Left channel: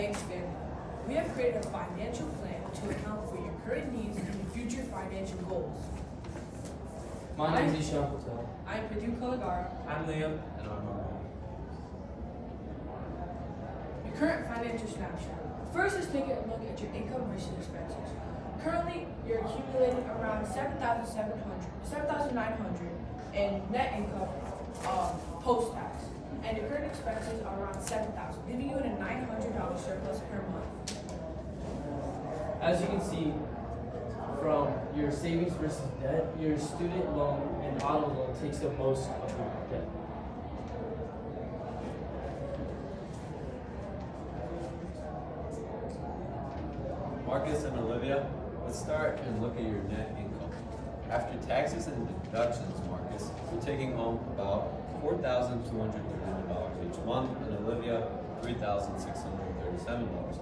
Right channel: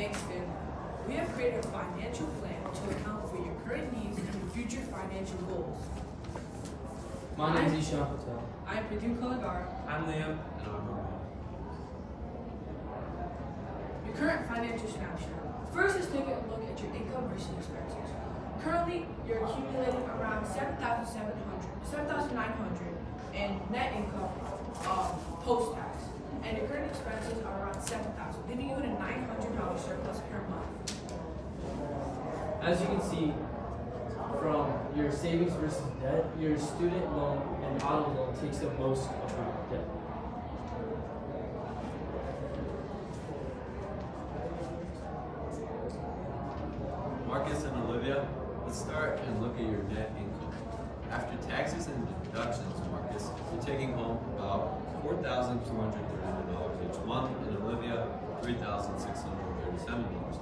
Thanks, Dan. We have created a financial plan to account for your current needs and your future financial goals. My name is Ishan Patel. I'm Pradhu Kalagara. I'm Liam. And I'm Norman. Your current financial snapshot. First, let's take a look at your income versus expenses. Currently, you're accumulating around $7,900 in net income post-tax, and your current expenses are around $7,000, leaving you with a $900 surplus per month. As you can see from your savings versus debt, your student loan and auto loan takes up most of your debt. Marcus and Olivia, let's start and look at your net income. After taxes and deductions, Marcus, you're taking home about $4,231 each month, and Olivia, $3,637 a month,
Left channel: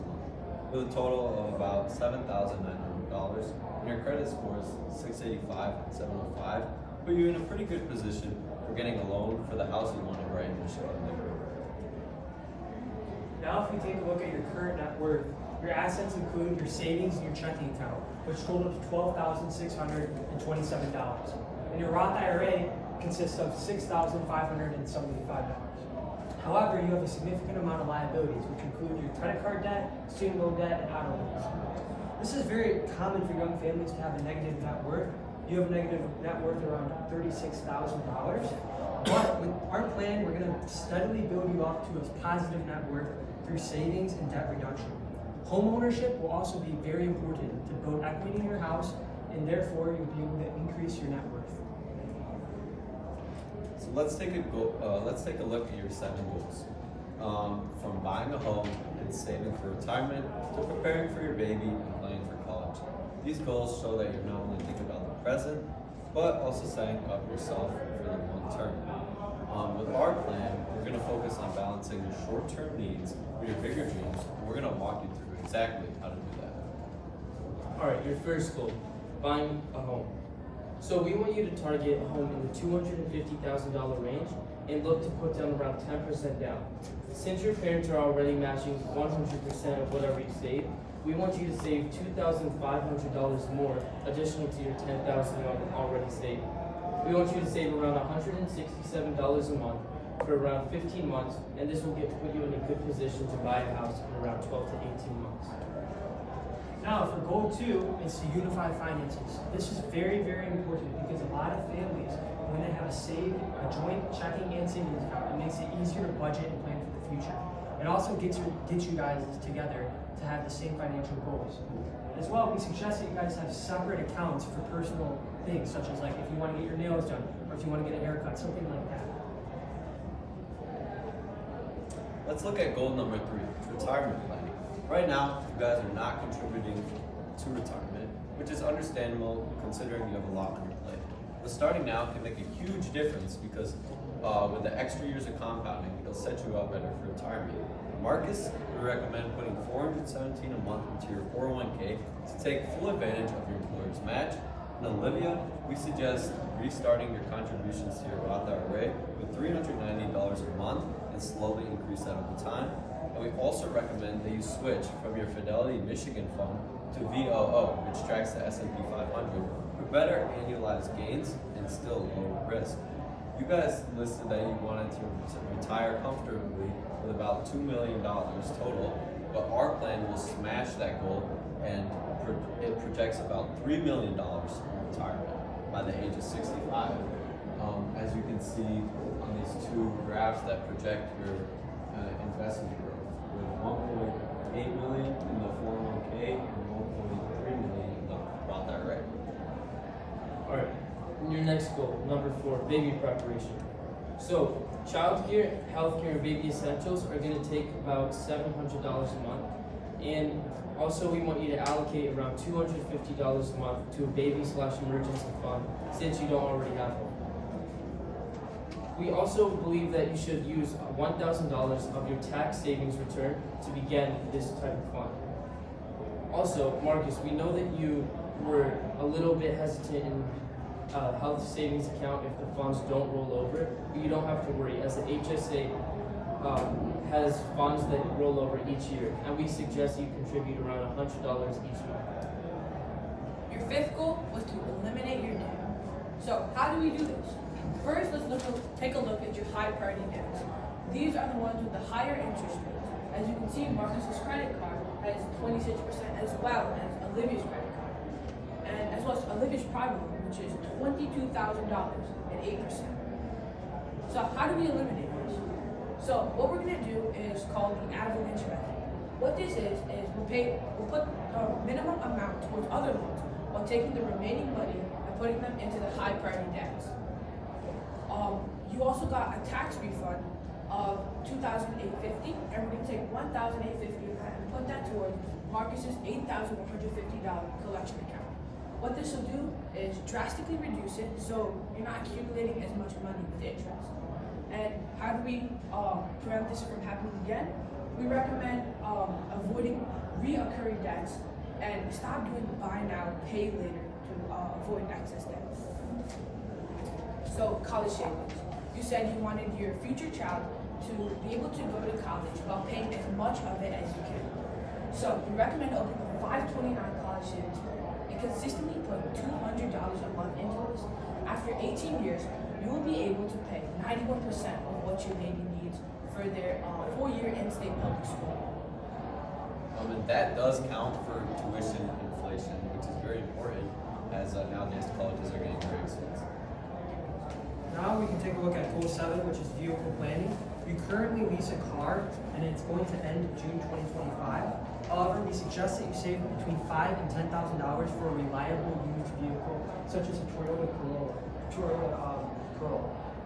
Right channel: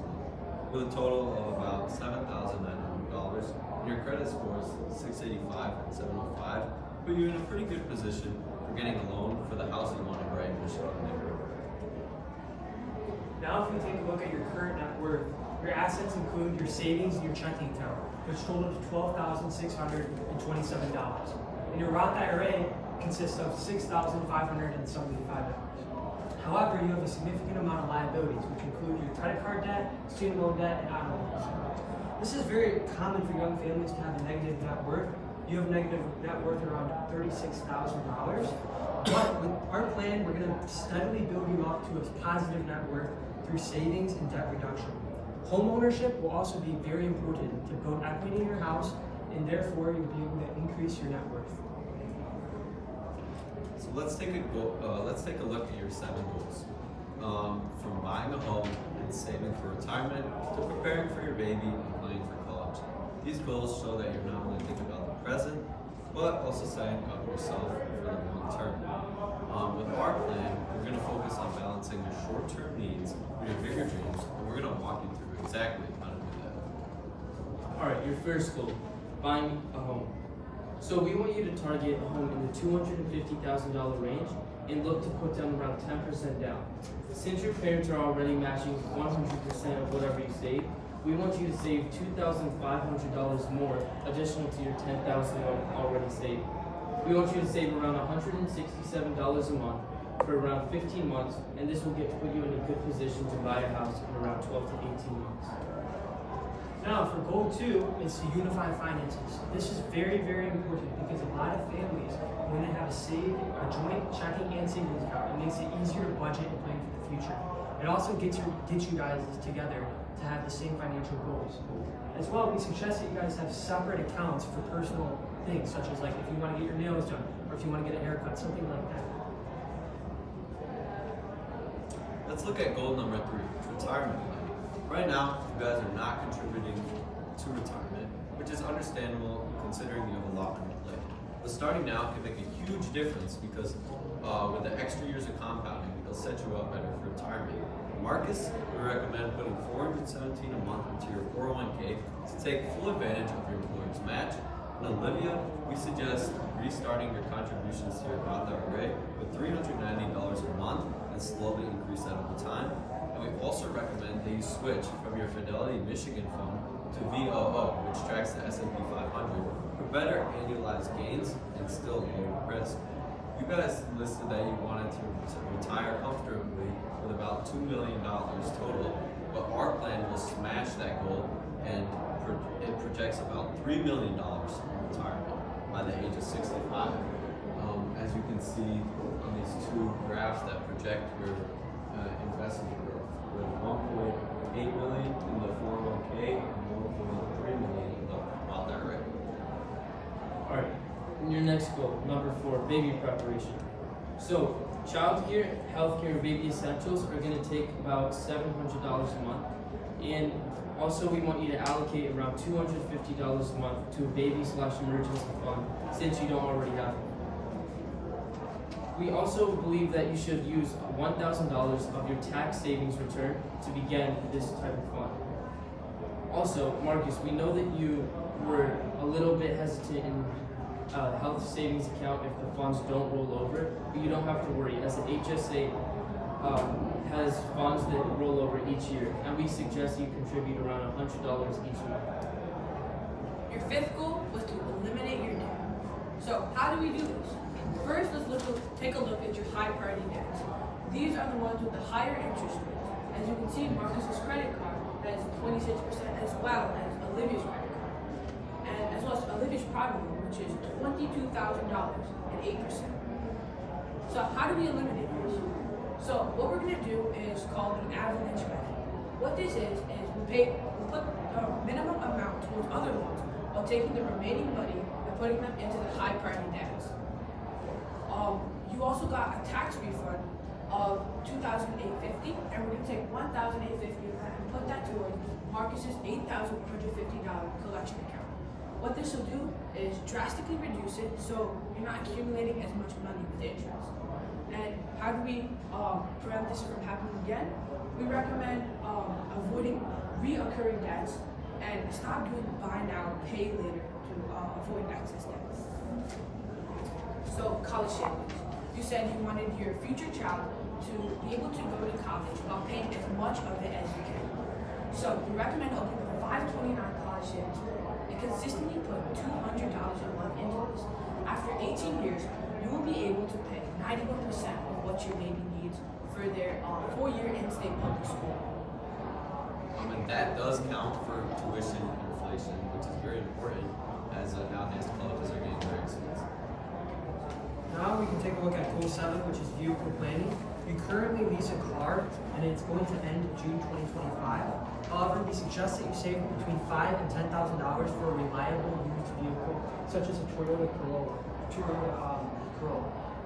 with a total of about $7,900. And your credit score is 685 and 705, put you in a pretty good position for getting a loan for the house you want to buy in your strong neighborhood. Now if we take a look at your current net worth, your assets include your savings and your checking account, which total to $12,627. And your Roth IRA consists of $6,575. However, you have a significant amount of liabilities, which include your credit card debt, student loan debt, and auto loans. This is very common for young families to have a negative net worth. You have a negative net worth around $36,000. But with our plan, we're going to steadily build you up to a positive net worth through savings and debt reduction. Home ownership will also be very important to build equity in your house, and therefore you'll be able to increase your net worth. So let's take a look at your 7 goals. From buying a home and saving for retirement to preparing for your baby and planning for college. These goals show that you're not only thinking about the present, but also setting up yourself for the long term. With our plan, we're going to focus on balancing your short-term needs with your bigger dreams, and we're going to walk you through exactly how to do that. All right, your first goal, buying a home. So we want you to target a home in the $250,000 range and look to put down around 10% down. Since your parents are already matching 100% of whatever you save, we want you to save $2,500 more additional to your $10,000 already saved. We want you to save around $167 a month for around 15 months, and this will put you in a good position to buy a house in around 12 to 18 months. Now, for goal 2 is to unify finances. This is very, very important because a lot of families, when they have a joint checking and savings account, it makes it easier to budget and plan for the future. It also gets you guys together to have the same financial goals. As well, we suggest that you guys have separate accounts for personal things, such as like if you want to get your nails done or if you want to get a haircut, something like that. Let's look at goal number 3, retirement planning. Right now, you guys are not contributing to retirement, which is understandable considering you have a lot on your plate. But starting now can make a huge difference because with the extra years of compounding, it'll set you up better for retirement. Marcus, we recommend putting $417 a month into your 401k to take full advantage of your employer's match. And Olivia, we suggest restarting your contributions to your Roth IRA with $390 a month and slowly increase that over time. And we also recommend that you switch from your Fidelity Michigan fund to VOO, which tracks the S&P 500 for better annualized gains and still lower risk. You guys listed that you wanted to retire comfortably with about $2 million total, but our plan will smash that goal, and it projects about $3 million in retirement by the age of 65. As you can see on these 2 graphs that project your investment growth, with 1.8 million in the 401k and 1.3 million in the Roth IRA. All right, and your next goal, number 4, baby preparation. So childcare, healthcare, and baby essentials are going to take about $700 a month. And also we want you to allocate around $250 a month to a baby/emergency fund since you don't already have one. We also believe that you should use $1,000 of your tax savings return to begin this type of fund. Also, Marcus, we know that you were a little bit hesitant in health savings account if the funds don't roll over, but you don't have to worry, as the HSA has funds that roll over each year, and we suggest you contribute around $100 each month. Your fifth goal was to eliminate your debt. So how do we do this? First, take a look at your high priority debts. These are the ones with the higher interest rates. As you can see, Marcus's credit card has 26%, as well as Olivia's credit card, and as well as Olivia's private loan, which is $22,000 at 8%. So how do we eliminate this? So what we're going to do is called the avalanche method. What this is we put a minimum amount towards other loans while taking the remaining money and putting them into the high priority debts. You also got a tax refund of $2,850, and we're going to take $1,850 of that and put that towards Marcus's $8,150 collection account. What this will do is drastically reduce it so you're not accumulating as much money with interest. And how do we prevent this from happening again? We recommend avoiding reoccurring debts and stop doing buy now, pay later to avoid excess debt. So college savings. You said you wanted your future child to be able to go to college while paying as much of it as you can. So we recommend opening a 529 college savings and consistently put $200 a month into this. After 18 years, you will be able to pay 91% of what your baby needs for their 4-year in-state public school. And that does count for tuition inflation, which is very important as nowadays colleges are getting very expensive. Now we can take a look at goal 7, which is vehicle planning. You currently lease a car and it's going to end June 2025. However, we suggest that you save between $5,000 and $10,000 for a reliable used vehicle, such as a Toyota Corolla.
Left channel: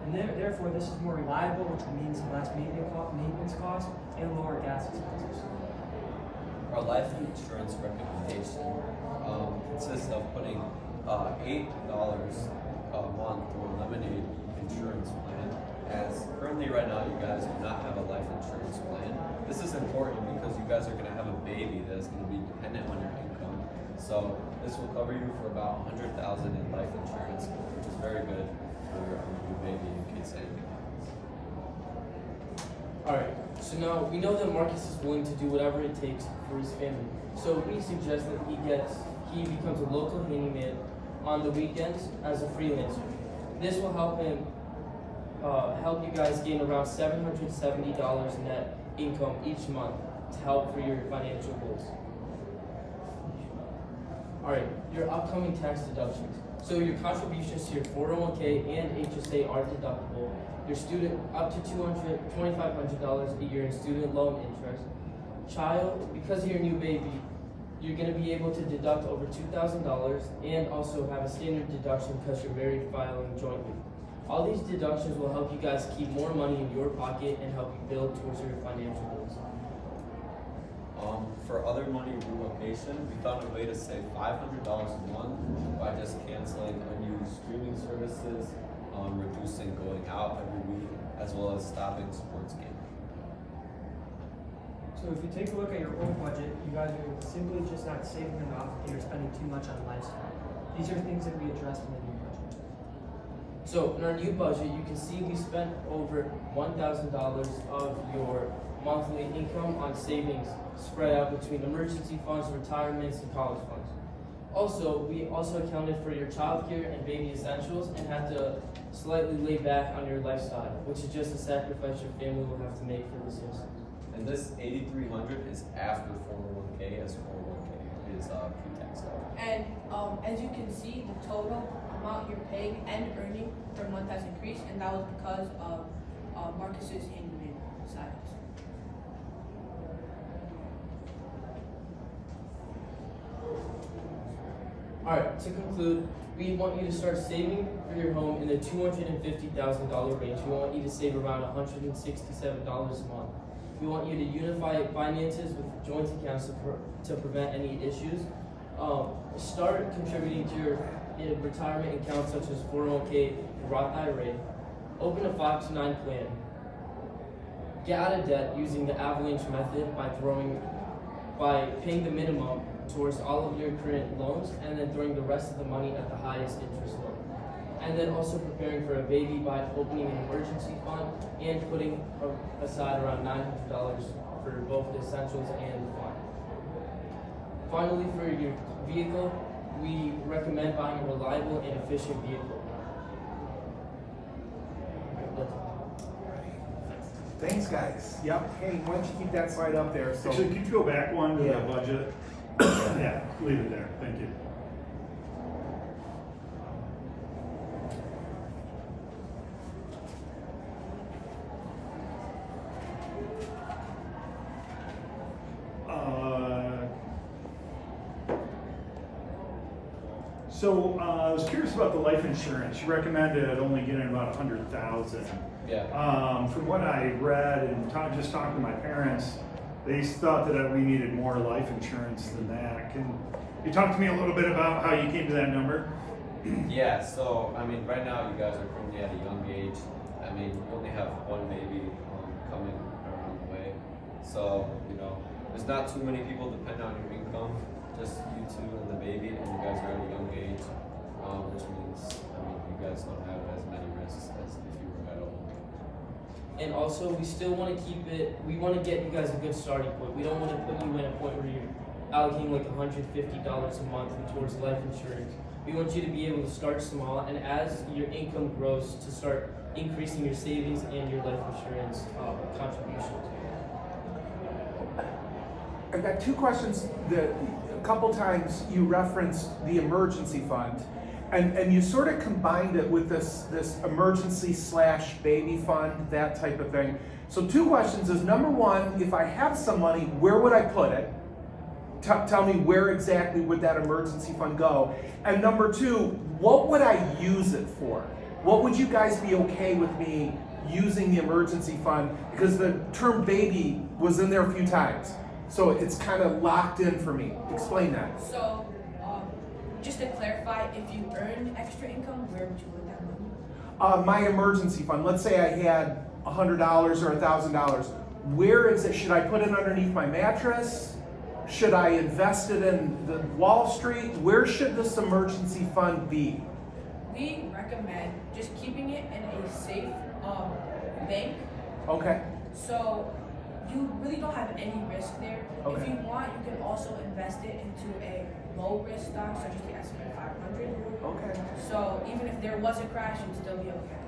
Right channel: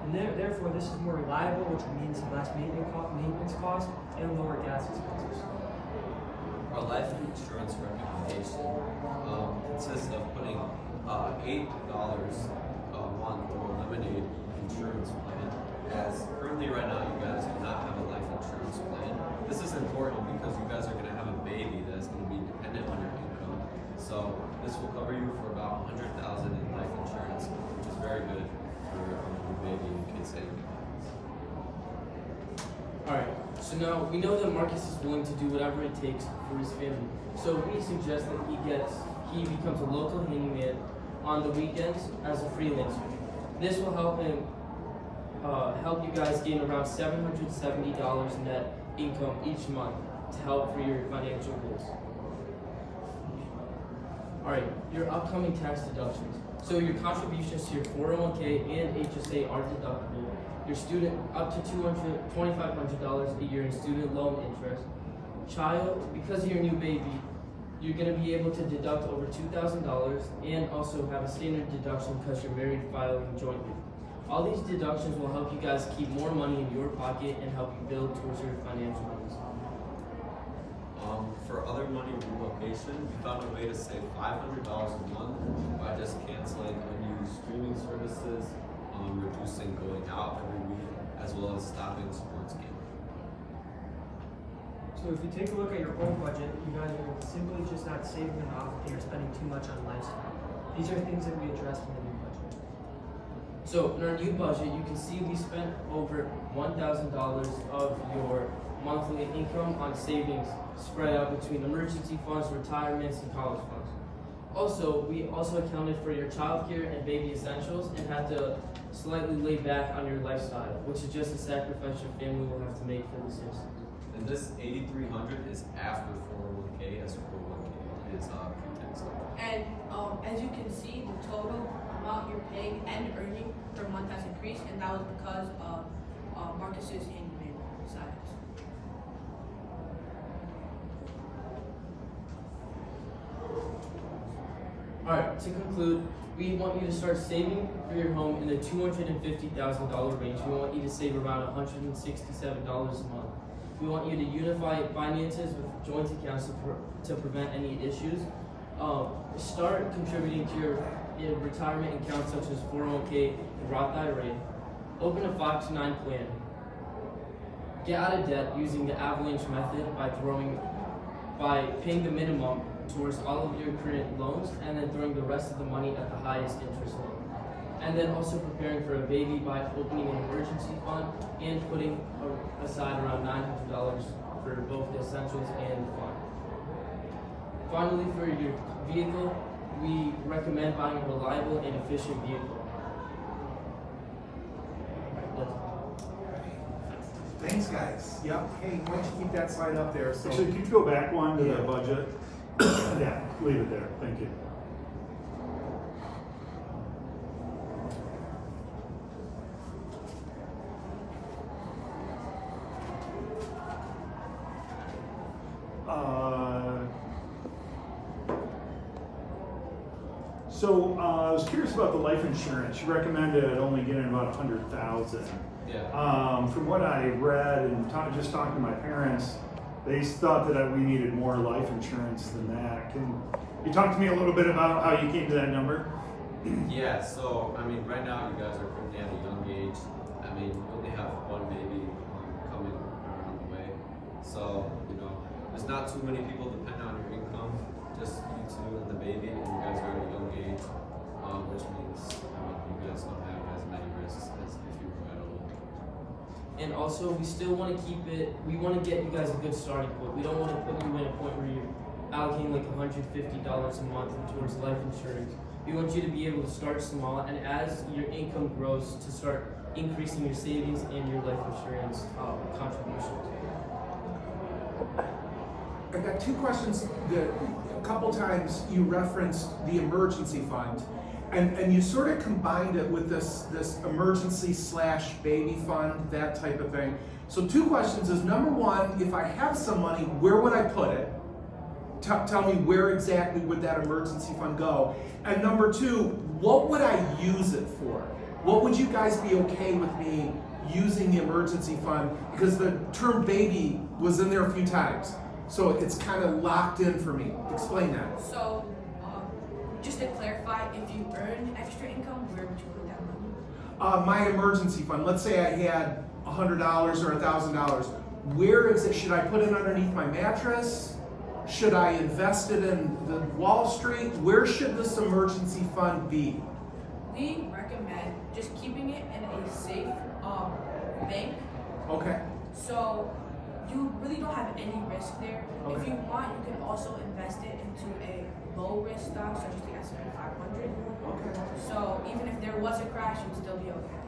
And therefore, this is more reliable, which means less maintenance costs and lower gas expenses. Our life insurance recommendation consists of putting $8 a month to eliminate insurance plan. As currently right now you guys do not have a life insurance plan. This is important because you guys are going to have a baby that is going to be dependent on your income. So this will cover you for about $100,000 in life insurance, which is very good for your baby and kid saving plans. Alright, so now we know that Marcus is willing to do whatever it takes for his family. So we suggest that he becomes a local handyman on the weekends as a freelancer. This will help him help you guys gain around $770 net income each month to help for your financial goals. Alright, your upcoming tax deductions. So your contributions to your 401k and HSA are deductible. Your student up to $2,500 a year in student loan interest. Child, because you're a new baby, you're going to be able to deduct over $2,000 and also have a standard deduction because you're married filing jointly. All these deductions will help you guys keep more money in your pocket and help you build towards your financial goals. For other money relocation, we found a way to save $500 a month by just canceling unused streaming services, reducing going out every week, as well as stopping sports gambling. So if you take a look at your old budget, you guys are simply just not saving enough and you're spending too much on lifestyle. These are things that we addressed in the new budget. So in our new budget, you can see we spent over $1,000 of your monthly income on savings spread out between emergency funds, retirements, and college funds. Also, we also accounted for your childcare and baby essentials and had to slightly lay back on your lifestyle, which is just a sacrifice your family will have to make for this instance. And this $8,300 is after 401k, as 401k is pre-tax. And as you can see, the total amount you're paying and earning per month has increased, and that was because of Marcus's handyman side hustle. Alright, to conclude, we want you to start saving for your home in the $250,000 range. We want you to save around $167 a month. We want you to unify finances with joint accounts to prevent any issues. Start contributing to your retirement accounts such as 401k and Roth IRA. Open a 5 to 9 plan. Get out of debt using the avalanche method by paying the minimum towards all of your current loans and then throwing the rest of the money at the highest interest loan. And then also preparing for a baby by opening an emergency fund and putting aside around $900 for both the essentials and the fund. Finally, for your vehicle, we recommend buying a reliable and efficient vehicle. Thanks, guys. Yep. Hey, why don't you keep that slide up there? So, Actually, could you go back one to Yeah. the budget? Yeah, leave it there, thank you. I was curious about the life insurance. You recommended only getting about 100,000. Yeah. From what I read and just talking to my parents, they thought that we needed more life insurance than that. Can you talk to me a little bit about how you came to that number? Yeah, so I mean, right now you guys are currently at a young age. I mean, you only have one baby coming around the way. So, you know, there's not too many people depend on your income, just you two and the baby, and you guys are at a young age, which means, I mean, you guys don't have as many risks as if you were at home. And also, we still want to keep it, we want to get you guys a good starting point. We don't want to put you in a point where you're allocating like $150 a month towards life insurance. We want you to be able to start small, and as your income grows, to start increasing your savings and your life insurance contributions. I've got two questions. A couple times you referenced the emergency fund, and you sort of combined it with this emergency / baby fund, that type of thing. So two questions is, number one, if I have some money, where would I put it? Tell me where exactly would that emergency fund go? And number two, what would I use it for? What would you guys be okay with me using the emergency fund? Because the term baby was in there a few times. So it's kind of locked in for me. Explain that. So, just to clarify, if you earn extra income, where would you put that money? My emergency fund, let's say I had $100 or $1,000. Where is it? Should I put it underneath my mattress? Should I invest it in the Wall Street? Where should this emergency fund be? We recommend just keeping it in a safe bank. Okay. So you really don't have any risk there. Okay. If you want, you can also invest it into a low risk stock such as the S&P 500. Okay. So even if there was a crash, you'd still be okay.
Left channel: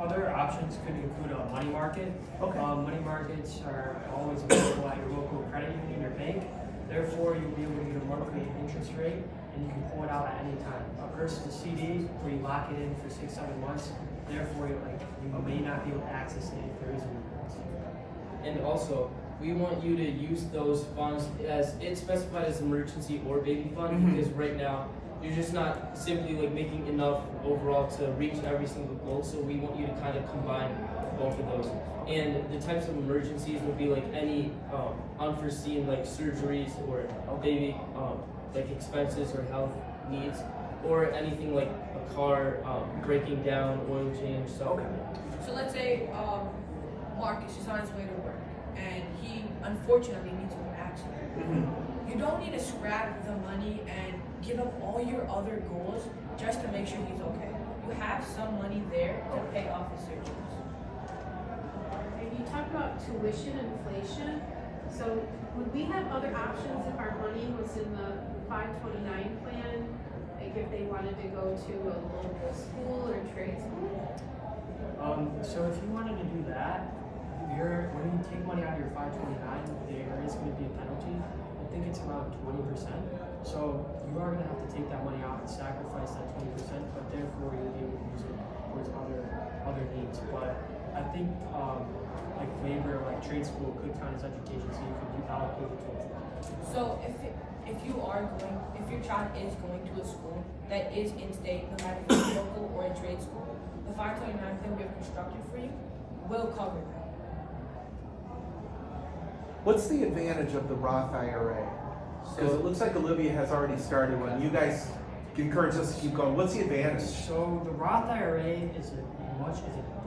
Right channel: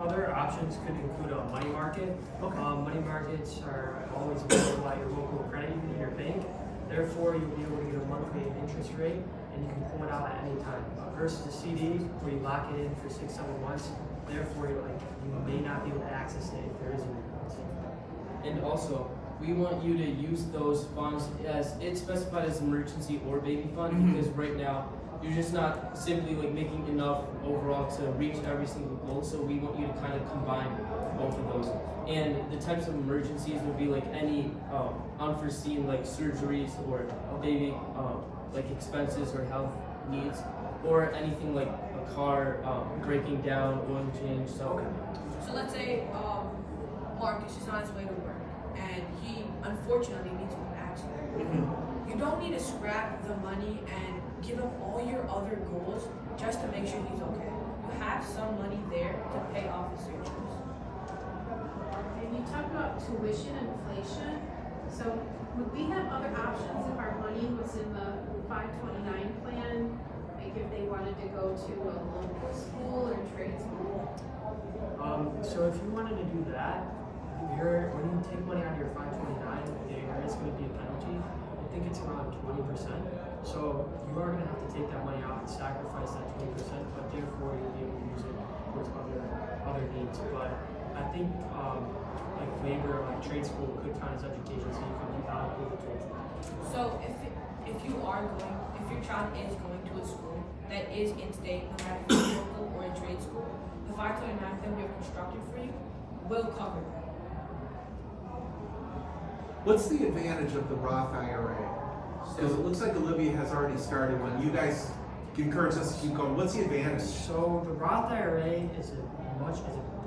Other options could include a money market. Okay. Money markets are always available at your local credit union or bank. Therefore, you'll be able to get a monthly interest rate, and you can pull it out at any time. Versus a CD, where you lock it in for 6-7 months. Therefore, you may not be able to access it if there is an emergency. And also, we want you to use those funds as it's specified as emergency or baby fund, because right now you're just not simply like making enough overall to reach every single goal. So we want you to kind of combine both of those. And the types of emergencies would be like any unforeseen like surgeries or baby like expenses or health needs, or anything like a car breaking down, oil change, stuff like that. So let's say Marcus is on his way to work and he unfortunately meets with an accident. You don't need to scrap the money and give up all your other goals just to make sure he's okay. You have some money there to pay off his surgeries. And you talk about tuition inflation. So would we have other options if our money was in the 529 plan? Like if they wanted to go to a local school or trade school? So if you wanted to do that, when you take money out of your 529, there is going to be a penalty. I think it's around 20%. So you are going to have to take that money out and sacrifice that 20%, but therefore you'll be able to use it towards other needs. But I think like labor, like trade school could count as education, so you could allocate it towards that. So if your child is going to a school that is in-state, no matter if it's local or a trade school, the 529 plan we have constructed for you will cover that. What's the advantage of the Roth IRA? Because it looks like Olivia has already started one. You guys encourage us to keep going. What's the advantage? So the Roth IRA is a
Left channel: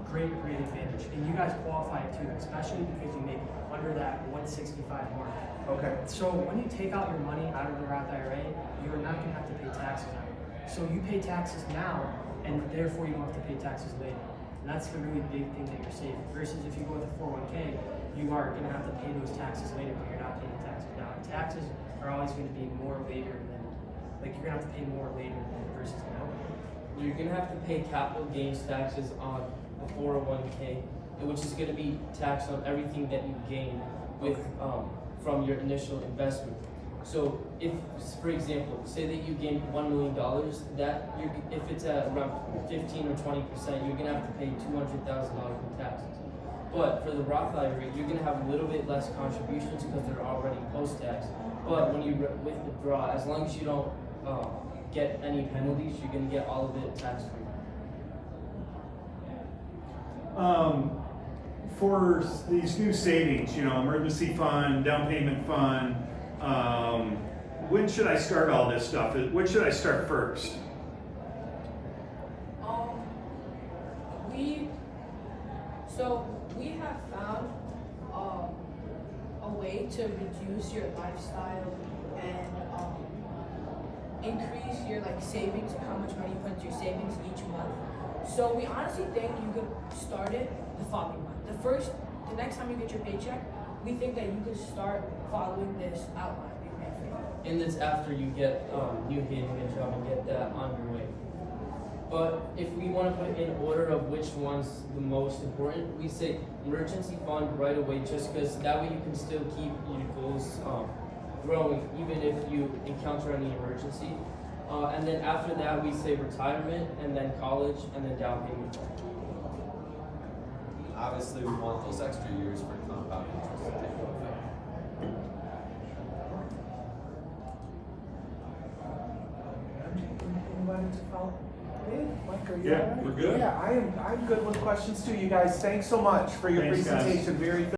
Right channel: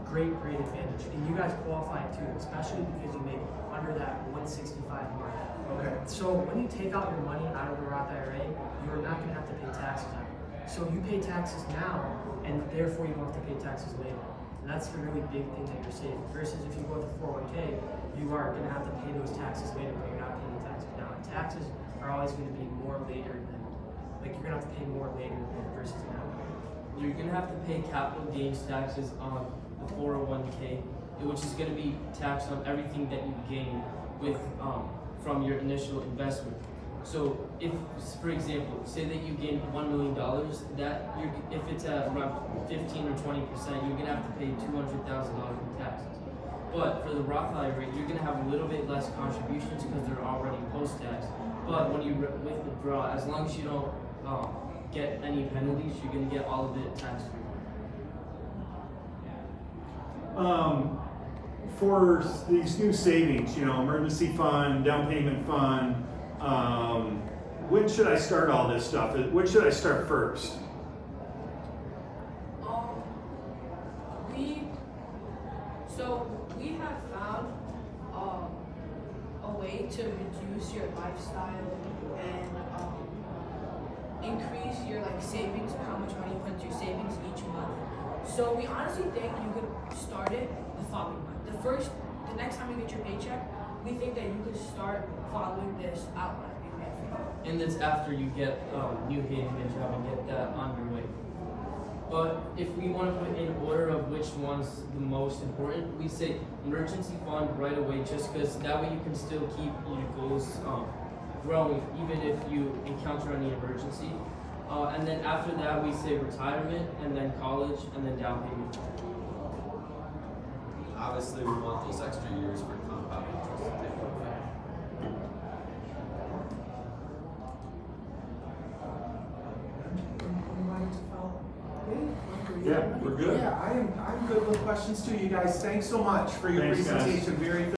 great advantage, and you guys qualify it too, especially because you make under that 165 mark. Okay. So when you take out your money out of the Roth IRA, you're not going to have to pay taxes on it. So you pay taxes now, and therefore you don't have to pay taxes later. And that's the really big thing that you're saving. Versus if you go with a 401k, you are going to have to pay those taxes later, but you're not paying the taxes now. And taxes are always going to be more later than, like you're going to have to pay more later than versus now. You're gonna have to pay capital gains taxes on the 401k, which is gonna be taxed on everything that you gain with from your initial investment. So if, for example, say that you gain $1 million, that if it's at around 15 or 20%, you're gonna have to pay $200,000 in taxes. But for the Roth IRA, you're gonna have a little bit less contributions because they're already post-tax. But when you withdraw, as long as you don't get any penalties, you're gonna get all of it tax-free. For these new savings, emergency fund, down payment fund, when should I start all this stuff? When should I start first? We have found a way to reduce your lifestyle and increase your savings, how much money you put into your savings each month. So we honestly think you could start it the following month. The next time you get your paycheck, we think that you could start following this outline. And that's after you get you getting a job and get that on your way. But if we want to put in order of which one's the most important, we say emergency fund right away, just because that way you can still keep your goals growing even if you encounter any emergency. And then after that we say retirement, and then college, and then down payment. Obviously, we want those extra years for compound interest to take effect. Anybody to follow? Mike, are you Yeah, all right? we're good. Yeah, I'm good with questions too, you guys. Thanks so much for your Thanks, guys. presentation. Very